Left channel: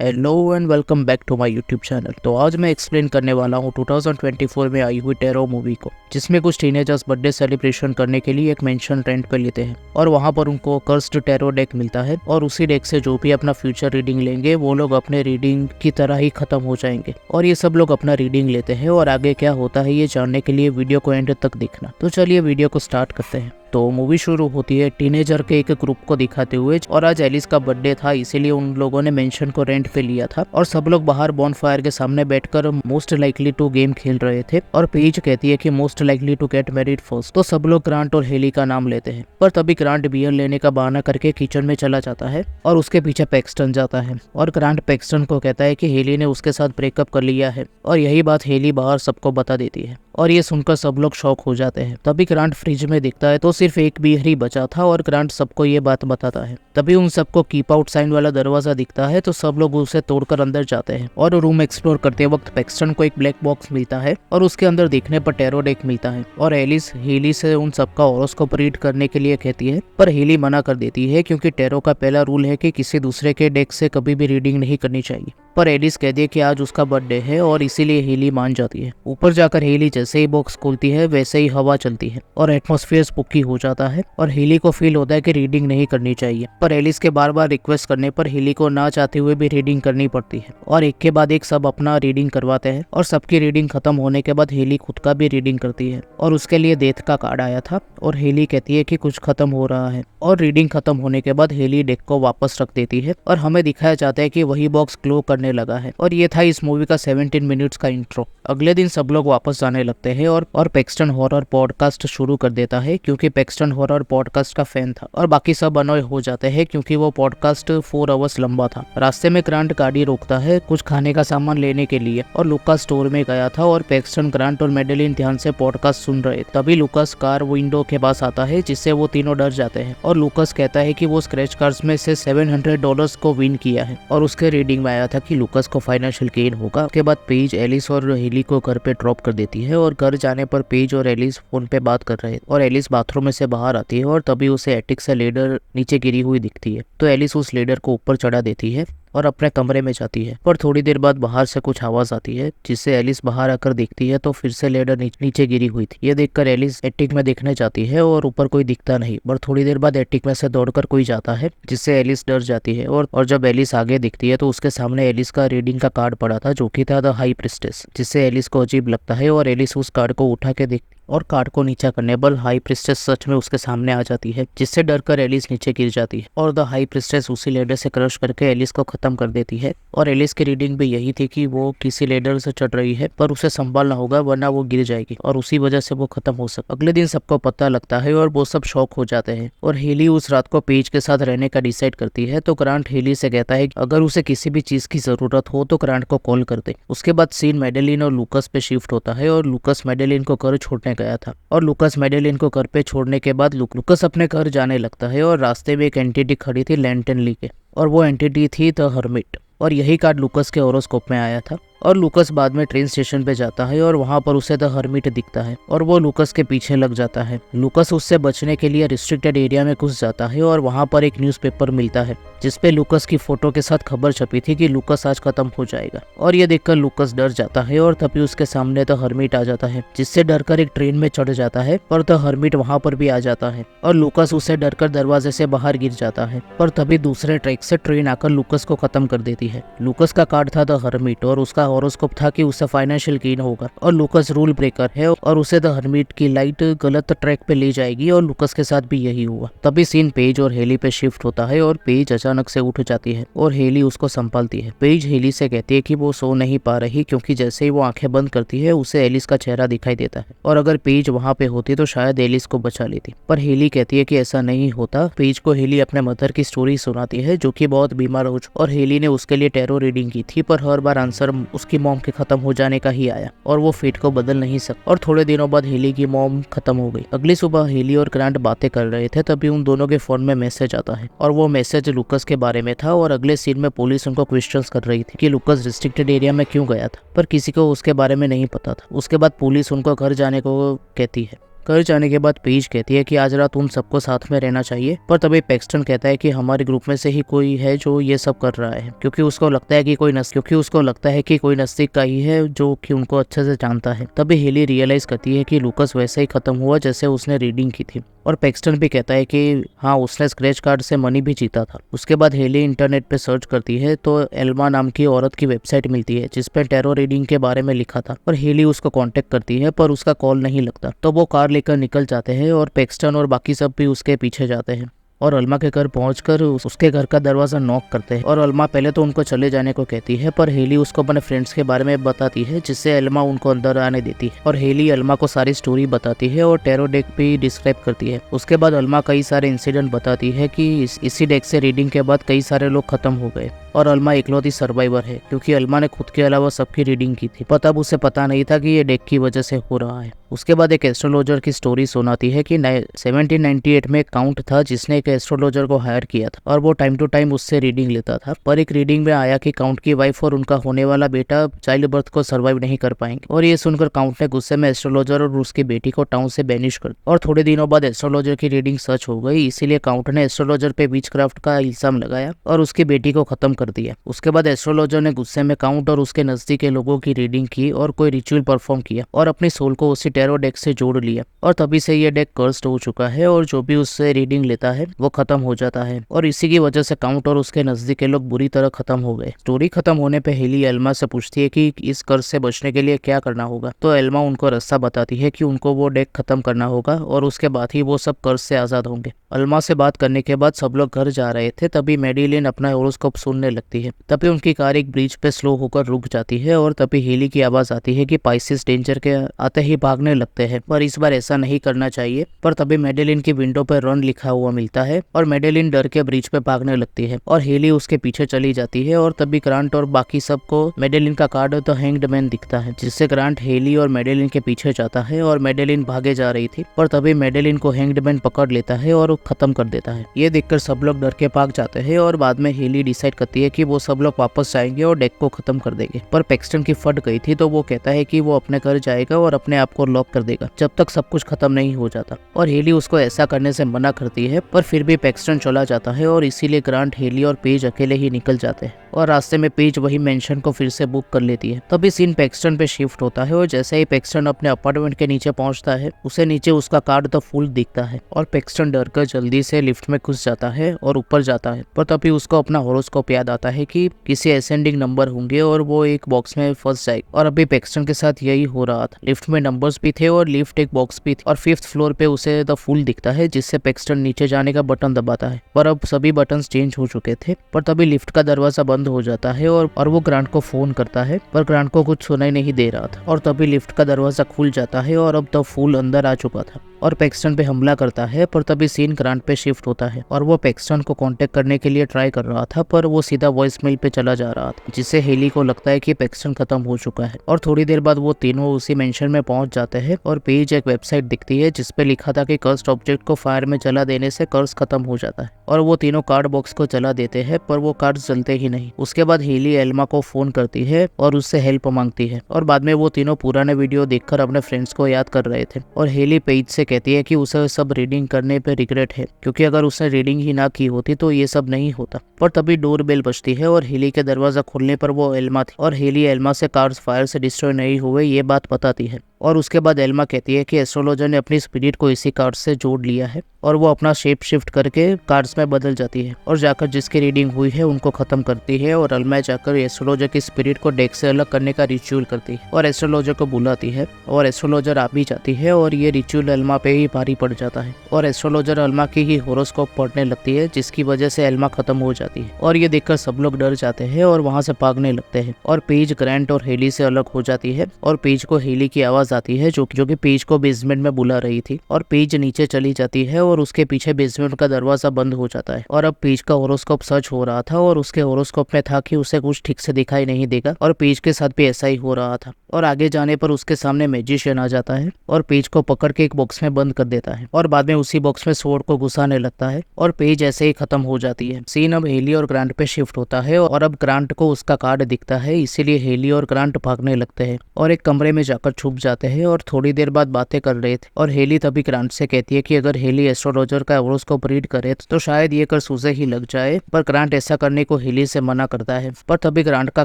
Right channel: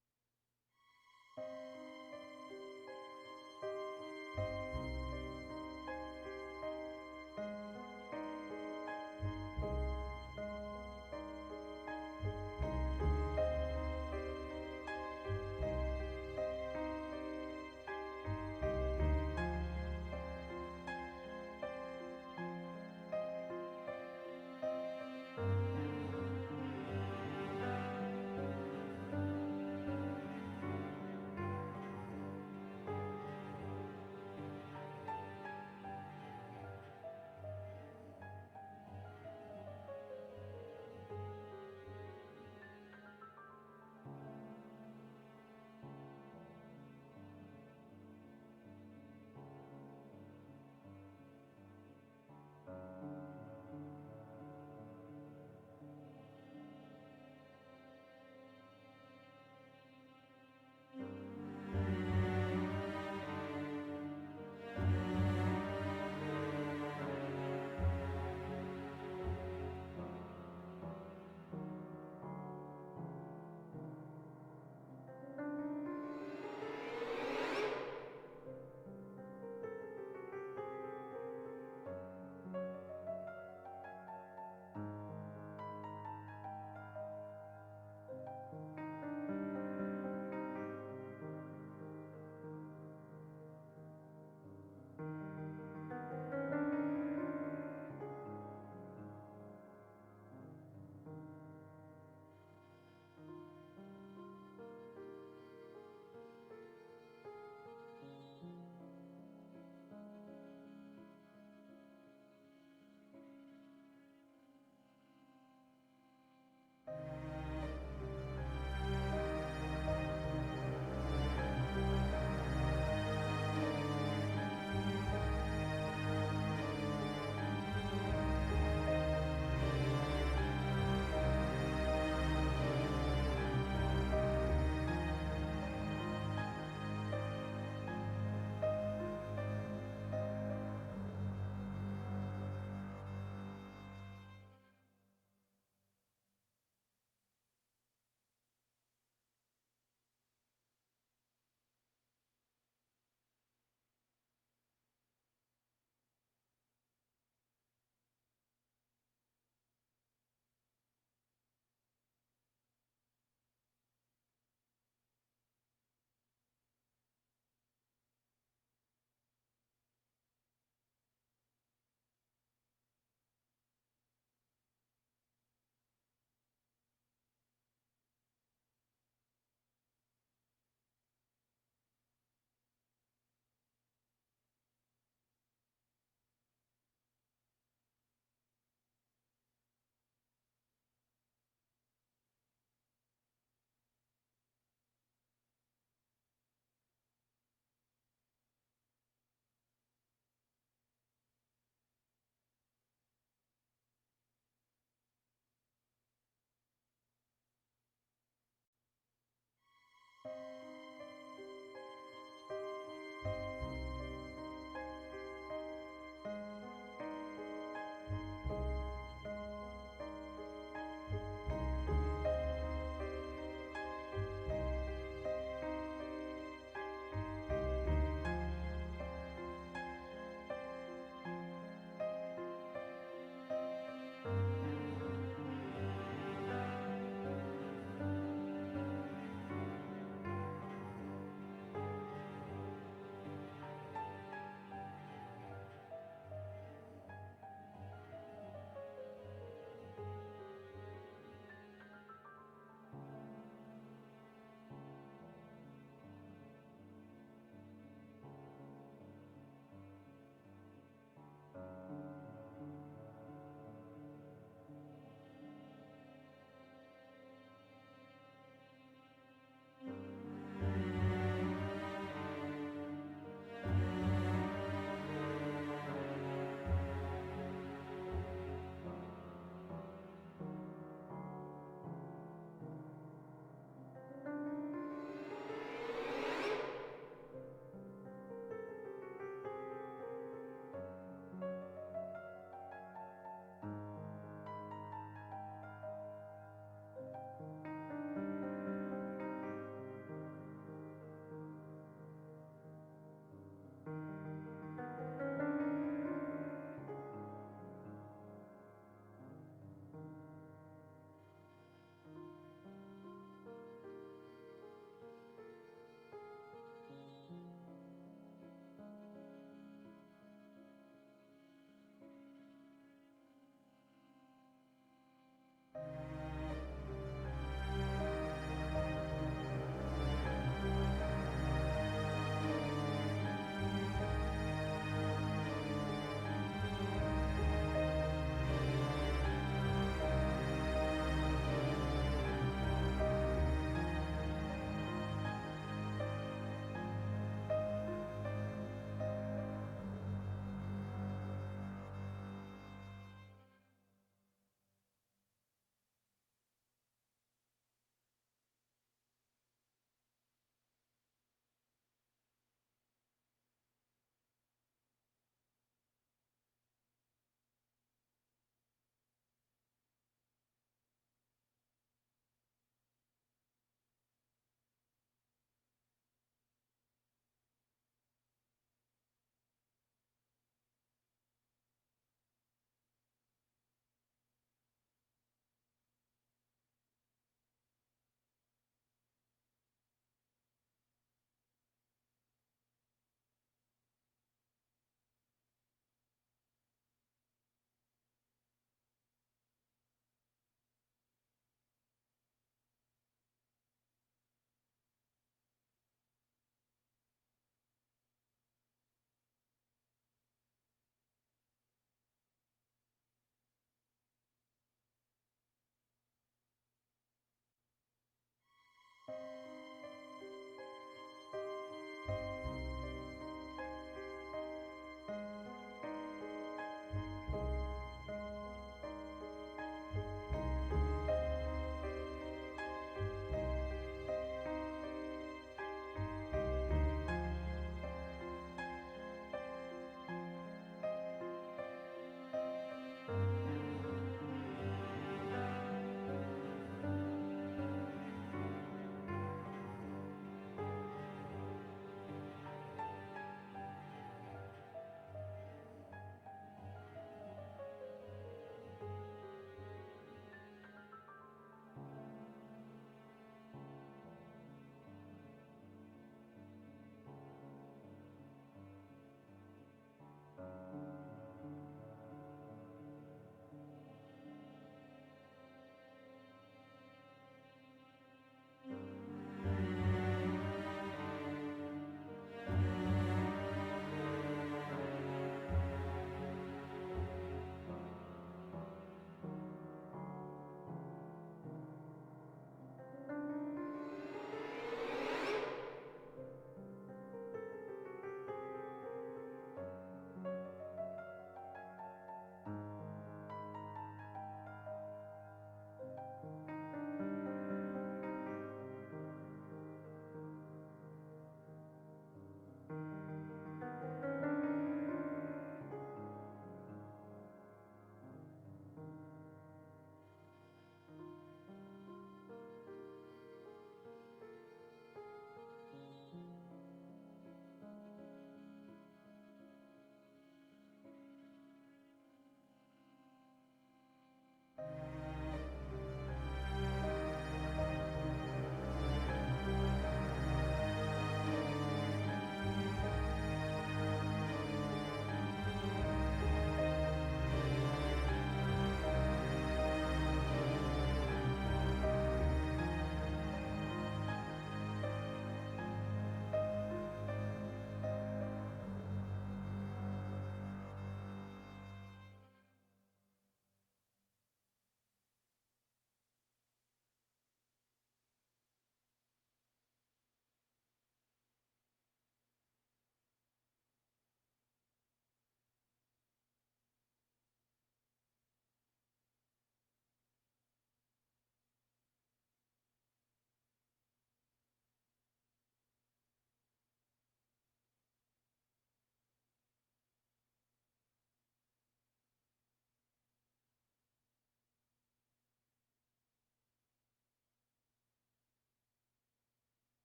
Hello and welcome back to my YouTube channel. तो आज मैं एक्सप्लेन करने वाला हूँ 2024 में आई हुई टेरो मूवी को, जिसमें कुछ टीनेजर्स बर्थडे सेलिब्रेशन करने के लिए एक मेंशन रेंट पे लेते हैं और वहाँ पर उनको कर्स्ड टेरो डेक मिलता है और उसी डेक से जो भी अपना फ्यूचर रीडिंग लेंगे वो लोग अपने रीडिंग की तरह ही खत्म हो जाएंगे। और ये सब लोग अपना रीडिंग लेते हैं और आगे क्या होता है ये जानने के लिए वीडियो को एंड तक देखना। तो चलिए वीडियो को स्टार्ट करते हैं। तो मूवी शुरू होती है टीनेजर के एक ग्रुप को दिखाते हुए और आज एलिस का बर्थडे था, इसीलिए उन लोगों ने मेंशन को रेंट पे लिया था और सब लोग बाहर बॉनफायर के सामने बैठकर मोस्ट लाइकली टू गेम खेल रहे थे। और पेज कहती है कि most likely to get married first. तो सब लोग ग्रांट और हेली का नाम लेते हैं, पर तभी ग्रांट बियर लेने का बहाना करके किचन में चला जाता है और उसके पीछे पैक्सटन जाता है और ग्रांट पैक्सटन को कहता है कि हेली ने उसके साथ ब्रेकअप कर लिया है और यही बात हेली बाहर सबको बता देती है और ये सुनकर सब लोग शॉक हो जाते हैं। तभी ग्रांट फ्रिज में दिखता है तो सिर्फ एक बियर ही बचा था और ग्रांट सबको ये बात बताता है। तभी उन सबको कीप आउट साइन वाला दरवाजा दिखता है तो सब लोग उसे तोड़कर अंदर जाते हैं और रूम एक्सप्लोर करते वक्त पैक्सटन को एक ब्लैक बॉक्स मिलता है और उसके अंदर देखने पर टेरो डेक मिलता है और एलिस हेली से उन सबका हॉरोस्कोप रीड करने के लिए कहती है, पर हेली मना कर देती है क्योंकि टेरो का पहला रूल है कि किसी दूसरे के डेक से कभी भी रीडिंग नहीं करनी चाहिए। पर एलिस कहती है कि आज उसका बर्थडे है और इसीलिए हेली मान जाती है। ऊपर जाकर हेली जैसे ही बॉक्स खोलती है वैसे ही हवा चलती है और एटमॉस्फेयर स्पूकी हो जाता है और हेली को फील होता है कि रीडिंग नहीं करनी चाहिए। पर एलिस के बार बार रिक्वेस्ट करने पर हेली को ना चाहते हुए भी रीडिंग करनी पड़ती है और एक के बाद एक सब अपना रीडिंग करवाते हैं और सबकी रीडिंग खत्म होने के बाद हेली खुद का भी रीडिंग करती है और उसके लिए डेथ का कार्ड आया था और हेली कहती है कि कुछ खत्म हो रहा है और रीडिंग खत्म होने के बाद हेली डेक को वापस रख देती है और हमें दिखाया जाता है कि वही बॉक्स ग्लो करने लगा है। और ये था इस मूवी का 17 मिनट्स का इंट्रो। अगले दिन सब लोग वापस जाने लगते हैं और पैक्सटन हॉरर पॉडकास्ट शुरू कर देता है क्योंकि पैक्सटन हॉरर पॉडकास्ट का फैन था और बाकी सब अनॉय हो जाते हैं क्योंकि वो पॉडकास्ट 4 आवर्स लंबा था। रास्ते में ग्रांट गाड़ी रोकता है कुछ खाने का सामान लेने के लिए और लुकास स्टोर में गया था और पैक्सटन, ग्रांट और मेडेलिन ध्यान से पॉडकास्ट सुन रहे। तभी लुकास कार विंडो के पास आता है जिससे वो तीनों डर जाते हैं और लुकास कहता है कि वो स्क्रैच कार्ड्स में से $700 को विन किया है और उसके रीडिंग में आया था कि लुकास को फाइनेंशियल गेन होगा। उसके बाद पेज एलिस और हेली को घर पे ड्रॉप कर देती है और घर जाने पर पेज और एलिस फोन पे बात कर रहे और एलिस बाथरूम में से बाहर आती है और तभी उसे एटिक से लेडर नीचे गिरी हुई दिखती है। तो एलिस उस लेडर को ऊपर चढ़ा देती है और अपने कमरे में जाती है। पर थोड़ी देर बाद बाहर से कुछ आवाज आती है जिससे एलिस बाहर आकर देखती है तो फिर से लेडर नीचे गिरी हुई थी। ये देखकर एलिस एटिक में देखने जाती है और ऊपर कोई दिखता नहीं। पर थोड़ी देर बाद एटिक में से दौड़कर कोई जाता है जिससे एलिस डर जाती है और जब एलिस आगे दिखती है तो उसके सामने एलिस का रीडिंग का कार्ड पड़ा था जो कि था द हाई प्रिस्टेस, जिससे एलिस को अजीब लगता है और एलिस उस कार्ड को उठा के देखती और कार्ड को नीचा करने पर हाई प्रिस्टेस सच में उसके सामने आ जाती है जिससे डरकर एलिस नीचे गिर जाती है और द हाई प्रिस्टेस उसी लेडर से क्रश करके एलिस को खत्म कर देती है। और एलिस की रीडिंग भी यही थी कि वो किसी लेडर से चढ़ रही है पर उसे संभालना होगा वरना वो गिर जाएगी और उसी वजह से वो खत्म हो सकती। अगले दिन सबको पता लगता है और वो सब शॉक हो जाते हैं और हेली उस रात को पेज के साथ रहने का डिसाइड करती है। तो ग्रांट हेली से कहता है अगर उसे किसी भी चीज की जरूरत हो तो ग्रांट को कॉल कर दे। उसके बाद सीन मेडेलिन और लुकास पे शिफ्ट होता है और लुकास मेडेलिन को घर छोड़ने गया था और लुकास मेडेलिन को घर पे छोड़ने के बाद लुकास अपने घर जाने लगता है और रास्ते में एक एंटिटी खड़ी थी लैंटर्न लेके और वो एंटिटी थी द हर्मिट और यही कार्ड लुकास के हॉरोस्कोप में आया था। और लुकास बाद में ट्रेन स्टेशन पे जाता है और वहां पर उसे द हर्मिट दिखता है और वो लुकास के पीछे लग जाता है। लुकास उससे बचने के लिए रिस्ट्रिक्टेड एरिया में घुस जाता है और वहां पर एक न्यूज़पेपर मिलता है जिसपे लुकास की फोटो के साथ खबर छपी थी कि लुकास आज खत्म हो जाएगा और ये देखकर लुकास डर जाता है और तभी उसके सामने द हर्मिट आ जाता है जिससे डरकर एक ट्रेन में चढ़ जाता है पर द हर्मिट वहां पर भी आ जाता है और लुकास उससे डरकर दरवाजे से बाहर गिर जाता है। पर तभी दूसरे ट्रैक से ट्रेन आकर लुकास को खत्म कर देती है। लुकास का कार्ड था द हर्मिट और उसका हॉरोस्कोप था कि उसे फाइनेंशियल गेन होगा और लुकास रूल ब्रेकर है और उसे द हर्मिट की लाइट गलत ट्रैक पे ले जाएगी और लुकास के साथ भी यही हुआ। तभी सीन पेज और हेली पे शिफ्ट होता है और पेज अचानक से उठ जाती है और हेली उसको संभालती है। पेज हेली से कहती है कि वो सो नहीं पा रही क्योंकि जैसे ही वो आंखें बंद करती है उसे एलिस का चेहरा दिखाई देता है और अगर पेज वहां पे होती तो शायद एलिस को बचा लेती। पर हेली कहती है कि ऐसा नहीं होता। पेज को हेली अपने मदर की स्टोरी सुनाती है जो कि बहुत बीमार हो और हेली ने उसके लिए टेरो रीडिंग की थी पर हर बार आंसर उसकी मॉम के खत्म हो जाने का ही आया और वो फेट को बदल नहीं सकता। और थोड़े दिनों बाद हेली की मॉम खत्म हो गई। अगली सुबह हेली और ग्रांट बातें कर रहे थे तभी उन दोनों के फोन में मैसेज आता है और वो मैसेज लुकास के बारे में था और अगले सीन में पुलिस उनको क्वेश्चंस कर रही थी कि लुकास रिस्ट्रिक्टेड एरिया में क्यों गया था पर किसी को उसके बारे में नहीं पता था। उसके बाद पुलिस उनको घर जाने को कहती है घर जाने के बाद पेज कहती है कि आज रात उन सबको साथ में रहना चाहिए, पर तभी पैक्सटन कहता है कि हमारे ग्रुप में से ही कोई है जो ये सब कर रहा है, क्योंकि उसको लगता है कि कोई नजदीक का ही है जो कि उनको अच्छे से जानता है। तभी हेली रियलाइज करती है कि लूकस वैसे ही खत्म हुआ जैसे उसने रीडिंग की थी, और पैक्सटन भी कहता है कि हाँ, उसने स्क्रैच कार्ड से मनी भी जीता था। उसके बाद हेली इंटरनेट पे सर्च करती है तो एल्मा नाम की औरत की वेबसाइट मिलती है जिसपे टैरो रीडिंग के बारे में लिखा था, और हेली उसको कांटेक्ट करती है पर उसका कॉल नहीं लगता। तो वो कार लेकर निकल जाते हैं और पैक्सटन और बाकी सब भी उसके पीछे जाते हैं और अल्मा के घर पहुंचकर उसके घर का दरवाजा नॉक करते हैं। और अल्मा पहले तो उनको चले जाने को कहती है, पर हेली उसको अपने फ्रेंड्स के बारे में बताती है जिससे अल्मा उनको अंदर आने देती है, और हेली अल्मा को सारी स्टोरी बताती है और टैरो डेक भी डिस्क्राइब करती है। उसके बाद अल्मा कई सारे इंसिडेंट बताती है कि इसी डेक से रीडिंग के बाद कई सारे लोग खत्म हो गए और अल्मा इकलौती सर्वाइवर है, क्योंकि अल्मा ने खुद के अलावा सबकी रीडिंग की थी, पर तब उसे पता नहीं था कि ये डेक की वजह से हो रहा है। उसके बाद एक एस्ट्रोलॉजर की स्टोरी सुनाती है कि 1798 में एक काउंट था जिसने एक एस्ट्रोलॉजर को हायर किया था और वो टाइम टू टाइम उससे रीडिंग लेता था, पर एक रीडिंग में आया कि काउंट की वाइफ और उनका होने वाला बेटा चाइल्ड बर्थ को सर्वाइव नहीं कर पाएंगे, और ये सुनकर काउंट ने गुस्से में एस्ट्रोलॉजर और उसकी बेटी को टाउन से बैनिश कर दिया। और थोड़े दिनों बाद एस्ट्रोलॉजर की रीडिंग सच हो गई, इसीलिए काउंट ने एस्ट्रोलॉजर पे विचक्राफ्ट का इल्जाम लगाया और उसकी बेटी को खत्म कर दिया। उसके बाद एस्ट्रोलॉजर ने गुस्से में काउंट और उसके नजदीक के लोगों की रीडिंग की और कोई रिचुअल परफॉर्म किया और अपनी सोल को उसी टैरो डेक से जोड़ लिया, और तभी से ये डेक कर्स्ड हो चुका है और जो भी उससे रीडिंग लेता है वो खत्म हो जाता है, और इसी की वजह से काउंट और उसके नजदीक के लोग बुरी तरह खत्म हो गए। स्टोरी खत्म होने पे हेली एल्मा से पूछती है कि इस कर्ज से बचने के लिए क्या करना होगा, तो एल्मा उनको रास्ता बताती है कि उनको वो डेक खत्म करना होगा और उसके बाद ही वो सब कर्ज से आजाद होंगे। अल्मा से बात करने के बाद सब लोग घर जा रहे थे, तभी मेडिलिन अपना होरोस्कोप सुनने लगती है। तभी उनकी कार एक ब्रिज पे स्लो होकर रुक जाती है और तभी हेली की आवाज आती है कि पाइसिस डेंजर के आते ही भागने लगते हैं, पर इस बार ऐसा नहीं करना चाहिए। पर तभी मेडेलिन की विंडो पर रन लिखा हुआ मिलता है और मेडेलिन डर के ब्रिज पे भागने लगती है और हेली उसके पीछे चली जाती है, और तभी ग्रांट और बाकी सबको मेडेलिन का कार्ड द हैंग्ड मैन दिखता है, जिससे ग्रांट हेली और मेडेलिन के पीछे जाता है और मेडेलिन भागे जा रही थी, पर तभी मेडेलिन को हैंग्ड मैन पकड़ लेता है और खत्म कर देता है। ये देखकर सब लोग डर के भाग जाते हैं और बाद में हेली डिसाइड करती है कि वो सब लोग वापस जाएंगे और डेक को खत्म कर देंगे, पर पैक्सटन की फट गई थी तो वो कहता है कि वो अपने घर जाएगा और अपने आप को लॉक कर देगा जब तक सब कुछ खत्म नहीं हो जाता, और हेली उसको ऐसा करने से मना करती है, पर फिर भी पैक्सटन चला जाता है और इसीलिए ग्रांट, हेली और पेज अकेले ही निकल जाते हैं, और रास्ते में पेज वही मेंशन को फिर से बुक कर लेती है। तभी सीन पैक्सटन पे शिफ्ट होता है और जैसे ही पैक्सटन अपने अपार्टमेंट के नीचे पहुंचता है उसे नीचे उसका कार्ड द फूल दिखता है, और पैक्सटन डर कर जल्दी से लिफ्ट में घुस जाता है और ऊपर जाता है, पर तभी उसको अपना होरोस्कोप याद आता है कि किसी असेंडिंग नंबर होंगे और वो एक बॉक्स में फंस जाएगा, और अभी पैक्सटन के साथ यही हो रहा था। लिफ्ट में नंबर्स भी थे और लिफ्ट एक बॉक्स भी थी, और 5th फ्लोर पे उसे द फूल दिखता है जिससे पैक्सटन नीचे जाने का बटन दबाता है, पर अब सभी बटन चेंज हो चुके थे। पर तभी लिफ्ट का दरवाजा बंद हो जाता है और वो ग्रांट को फोन करता है, पर ग्रांट को कुछ सुनाई नहीं दे रहा था, और तभी लिफ्ट का दरवाजा खुल जाता है और अब द फूल अंदर आ चुका था और पैक्सटन पे हमला करता है। पर तभी सीन ग्रांट पे शिफ्ट होता है और वो पैक्सटन को कांटेक्ट करने के लिए ट्राई कर रहा था, पर वो सीधा वॉइस मेल पे चला जा रहा था, जिससे हेली को लगता है कि पैक्सटन खत्म हो चुका है। और थोड़ी देर बाद वो तीनों उसी मेंशन में पहुंच जाते हैं और पेज एक वेबसाइट दिखती है जिसपे लिखा था कि कर्स्ड ऑब्जेक्ट को फायर में जला देने से कर्स खत्म हो जाता है, और वो तीनों कार्ड बॉक्स को जला देते हैं, पर वो कार्ड जलते ही नहीं। उसके बाद हेली एल्मा को फोन करती है और उससे हेल्प मांगती है, और बाद में वो तीनों पुराने वीडियो देखकर अपने फ्रेंड्स को याद कर रहे थे, और हेली पेज से कहती है कि उसे सब रीडिंग करने पे रिग्रेट है, क्योंकि अगर उसने रीडिंग ही ना की होती तो ये सब नहीं होता। पर तभी डोर बेल बजती है और हेली के दरवाजा खुलने पर वो एल्मा थी, और हेली एल्मा से कार्ड्स फायर से डिस्ट्रॉय नहीं हुए ये बात बताती है, और उसके बाद एल्मा कहती है कि एस्ट्रोलॉजर ने अपनी स्पिरिट को इसी कार्ड से जोड़ लिया है, और वो अपना शेप शिफ्ट करके कार्ड्स में बदल जाती है और जाकर जिसकी रीडिंग हुई है उनको खत्म करती है, और अल्मा जाकर एस्ट्रोलॉजर की स्पिरिट को डेक से अलग करने का रिचुअल करती है और एस्ट्रोलॉजर को बुलाती है, और एस्ट्रोलॉजर आ भी जाती है, और ये रिचुअल अल्मा पे ही भारी पड़ जाता है, और एस्ट्रोलॉजर अल्मा की ही होरोस्कोप पढ़ने लगती है जिसकी वजह से अल्मा खत्म हो जाती है, और ये देखकर सब लोग डर जाते हैं और वहाँ से भागने लगते हैं, और पेज ग्रांट और हेली से अलग हो जाती है, और पेज को हेली की आवाज आती है जो कि पेज को बेसमेंट में बुला रही थी, और पेज नीचे चली जाती है और उसके पीछे बेसमेंट का दरवाजा बंद हो जाता है, और अब पेज का होरोस्कोप सच हो रहा था, और उसके होरोस्कोप में था कि उसे कुछ ठीक से दिखाई नहीं देगा, और पेज के साथ भी ऐसा ही हो रहा था, और आगे जाने पर उसके सामने मैजिशियन आ जाता है और पेज को पकड़ के एक बॉक्स में बंद कर देता है, और बाद में उसी बॉक्स में स्वॉर्ड को घुसाने लगता है, और पेज ऐसे ही खत्म हो जाती है। सीन अब हेली और ग्रांट पे शिफ्ट होता है, और अब ग्रांट को उसका कार्ड दिखता है, इसीलिए हेली और ग्रांट भागने लगते हैं और एक कमरे में जाकर छुप जाते जाते हैं और थोड़ी देर बाद बातें कर रहे थे और हेली तभी ग्रांट से कहती है कि अगर हेली एस्ट्रोलॉजर का होरोस्कोप रीड करे तो शायद ये कर सूजे ही लग जाए, पर ग्रांट ऐसा करने को हेली से मना करता है। पर तभी ग्रांट का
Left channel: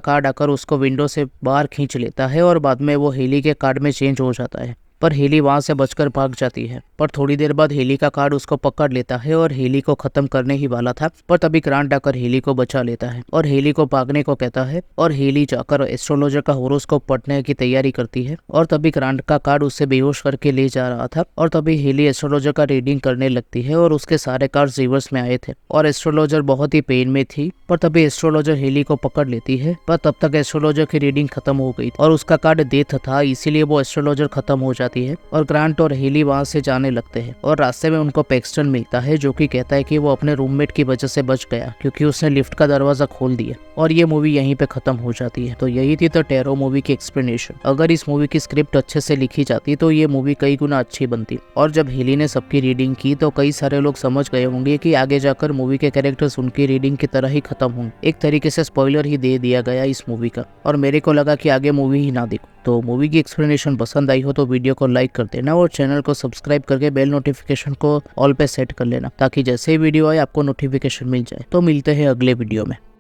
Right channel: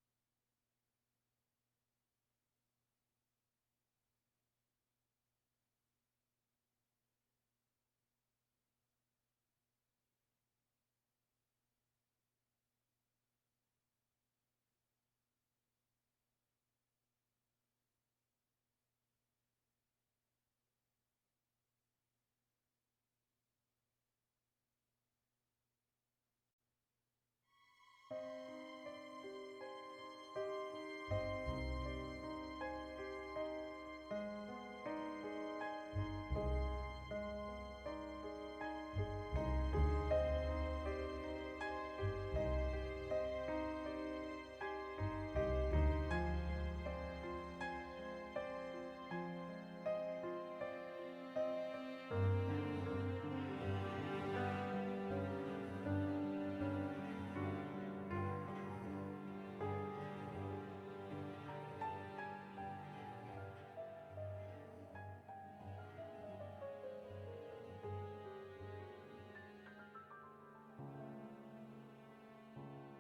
कार्ड आकर उसको विंडो से बाहर खींच लेता है और बाद में वो हेली के कार्ड में चेंज हो जाता है, पर हेली वहां से बचकर भाग जाती है। पर थोड़ी देर बाद हेली का कार्ड उसको पकड़ लेता है और हेली को खत्म करने ही वाला था, पर तभी ग्रांट आकर हेली को बचा लेता है और हेली को भागने को कहता है और हेली जाकर एस्ट्रोलॉजर का होरोस्कोप पढ़ने की तैयारी करती है। और तभी ग्रांट का कार्ड उससे बेहोश करके ले जा रहा था और तभी हेली एस्ट्रोलॉजर का रीडिंग करने लगती है और उसके सारे कार्ड रिवर्स में आए थे और एस्ट्रोलॉजर बहुत ही पेन में थी। पर तभी एस्ट्रोलॉजर हेली को पकड़ लेती है, पर तब तक एस्ट्रोलॉजर की रीडिंग खत्म हो गई और उसका कार्ड डेथ था, इसीलिए वो एस्ट्रोलॉजर खत्म हो जाती है और ग्रांट और हेली वहां से जाने लगते हैं। और रास्ते में उनको पैक्सटन मिलता है जो कि कहता है कि वो अपने रूममेट की वजह से बच गया क्योंकि उसने लिफ्ट का दरवाजा खोल दिया। और ये मूवी यहीं पे खत्म हो जाती है। तो यही थी द टेरो मूवी की एक्सप्लेनेशन। अगर इस मूवी की स्क्रिप्ट अच्छे से लिखी जाती तो ये मूवी कई गुना अच्छी बनती। और जब हेली ने सबकी रीडिंग की तो कई सारे लोग समझ गए होंगे कि आगे जाकर मूवी के कैरेक्टर्स उनकी रीडिंग की तरह ही खत्म होंगे। एक तरीके से स्पॉइलर ही दे दिया गया इस मूवी का, और मेरे को लगा कि आगे मूवी ही ना देखो। तो मूवी की एक्सप्लेनेशन पसंद आई हो तो वीडियो को लाइक कर देना और चैनल को सब्सक्राइब करके बेल नोटिफिकेशन को ऑल पे सेट कर लेना, ताकि जैसे ही वीडियो आए आपको नोटिफिकेशन मिल जाए। तो मिलते हैं अगले वीडियो में।